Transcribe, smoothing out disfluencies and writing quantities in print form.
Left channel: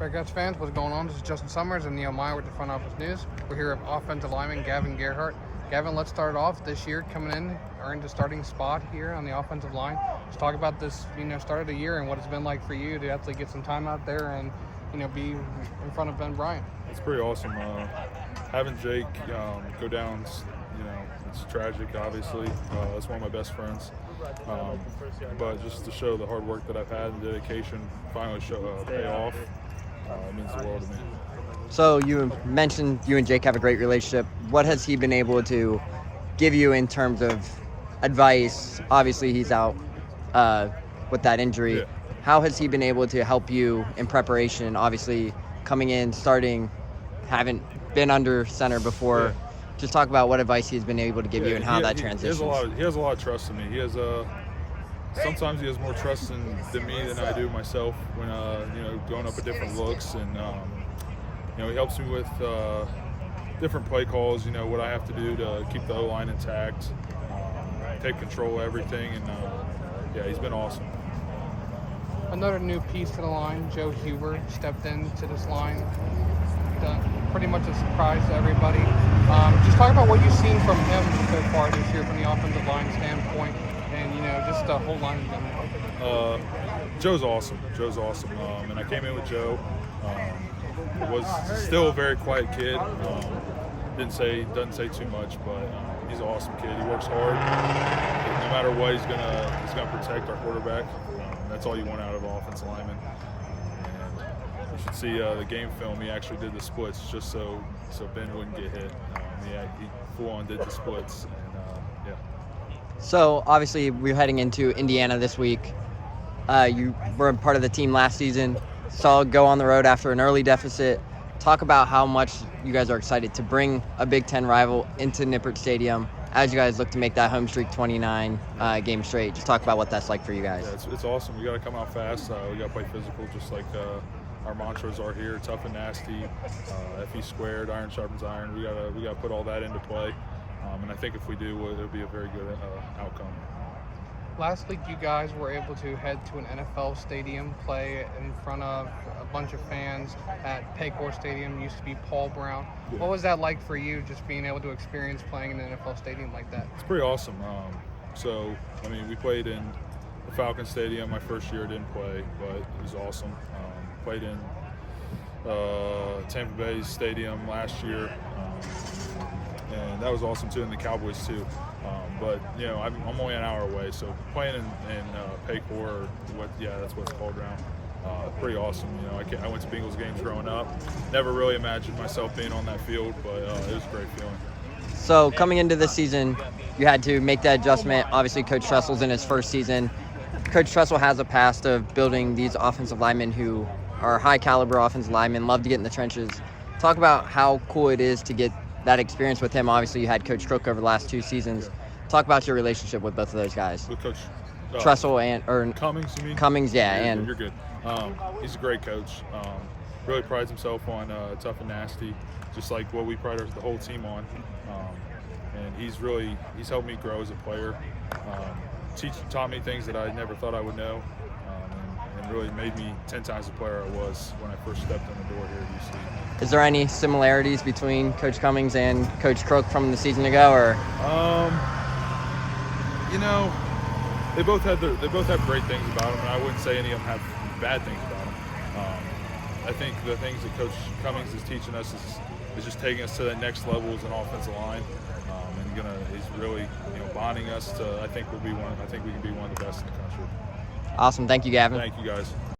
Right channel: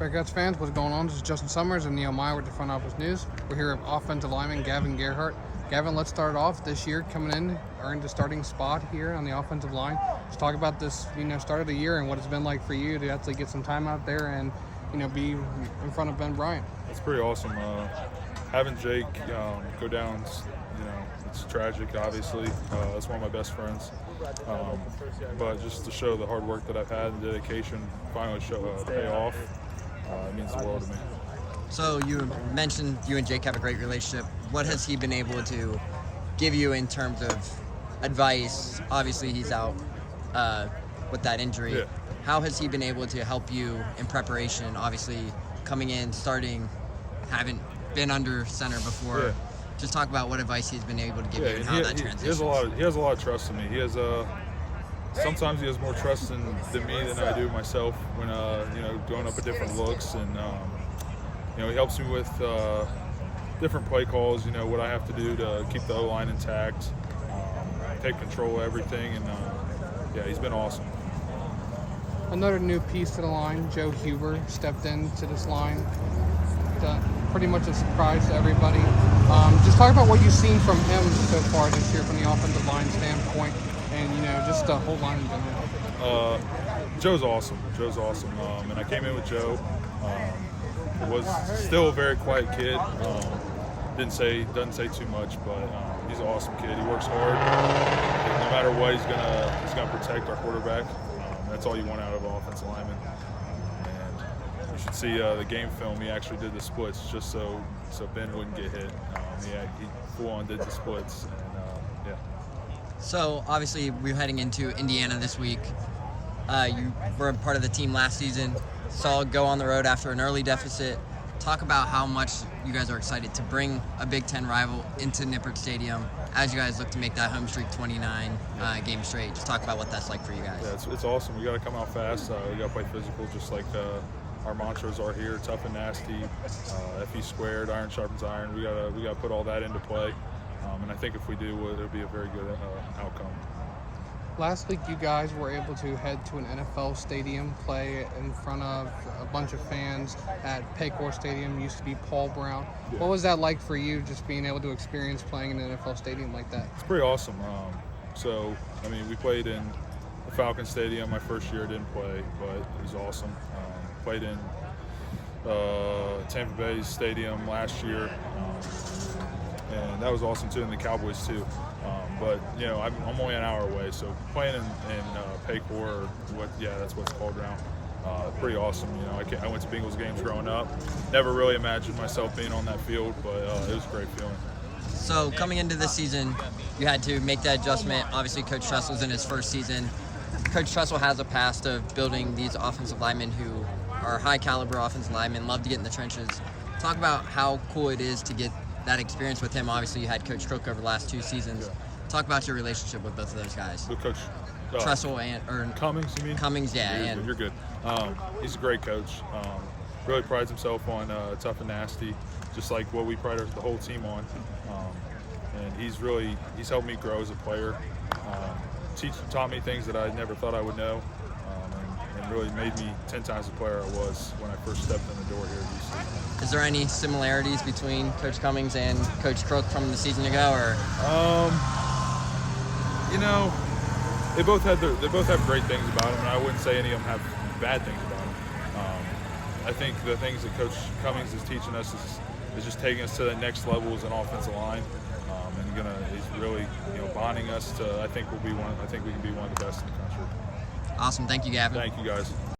Bearcats fans, what's going on? This is Justin Summers and Neil Meyer with the Front Office News. We're here with offensive lineman Gavin Gerhardt. Gavin, let's start off this year coming in, earned the starting spot here on the offensive line. Let's talk about this, start of the year and what it's been like for you to actually get some time out there and, be in front of Ben Bryant. It's pretty awesome. Having Jake go down, it's tragic, obviously. That's one of my best friends. But just to show the hard work that I've had and dedication finally pay off, it means the world to me. So you mentioned you and Jake have a great relationship. What has he been able to give you in terms of advice? Obviously, he's out with that injury. Yeah. How has he been able to help you in preparation? Obviously, coming in, starting, haven't been under center before. Yeah. Just talk about what advice he's been able to give you and how that transitions. He has a lot of trust in me. He has sometimes he has more trust in me than I do myself when going up at different looks, and he helps me with different play calls. What I have to do to keep the O-line intact, take control of everything, and he's been awesome. Another new piece to the line, Joe Huber, stepped into this line. Pretty much a surprise to everybody. Just talk about what you've seen from him so far this year from the offensive line standpoint, and just stuff in line. Joe's awesome. And I came in with Joe. Was still a very quiet kid. Doesn't say too much, but he's an awesome kid. He works hard. No matter what, he's gonna protect our quarterback. That's all you want out of an offensive lineman. And you should see the game film. He actually did the splits just so Ben wouldn't get hit. He full on did the splits, and So obviously we're heading into Indiana this week. You were part of the team last season. Saw go on the road after an early deficit. Talk about how much you guys are excited to bring a Big Ten rival into Nippert Stadium as you guys look to make that home streak 29 games straight. Just talk about what that's like for you guys. Yeah, it's awesome. We got to come out fast. We got to play physical, just like our mantras are here: tough and nasty, FE squared, iron sharpens iron. We got to put all that into play, and I think if we do, it'll be a very good outcome. Last week, you guys were able to head to an NFL stadium, play in front of a bunch of fans at Paycor Stadium. It used to be Paul Brown. Yeah. What was that like for you, just being able to experience playing in an NFL stadium like that? It's pretty awesome. We played in the Falcon Stadium. My first year I didn't play, but it was awesome. Played in Tampa Bay Stadium last year, and that was awesome too, and the Cowboys too. But I'm only an hour away, so playing in Paycor, that's what it's called now. Pretty awesome. I went to Bengals games growing up. Never really imagined myself being on that field, but it was a great feeling. So coming into this season, you had to make that adjustment. Obviously, Coach Tressell's in his first season. Coach Tressell has a past of building these offensive linemen who are high-caliber offensive linemen, love to get in the trenches. Talk about how cool it is to get that experience with him. Obviously, you had Coach Cook over the last 2 seasons. Yeah. Talk about your relationship with both of those guys. With Coach Tressell and Cummings, you mean? Cummings, yeah. You're good. He's a great coach. Really prides himself on tough and nasty, just like what we pride the whole team on. And he's helped me grow as a player. Taught me things that I never thought I would know, and really made me 10 times the player I was when I first stepped in the door here at UC. Is there any similarities between Coach Cummings and Coach Crook from the season ago, or? They both have great things about them, and I wouldn't say any of them have bad things about them. I think the things that Coach Cummings is teaching us is just taking us to that next level as an offensive line, and he's really bonding us to. I think we can be one of the best in the country. Awesome, thank you, Gavin. Thank you, guys.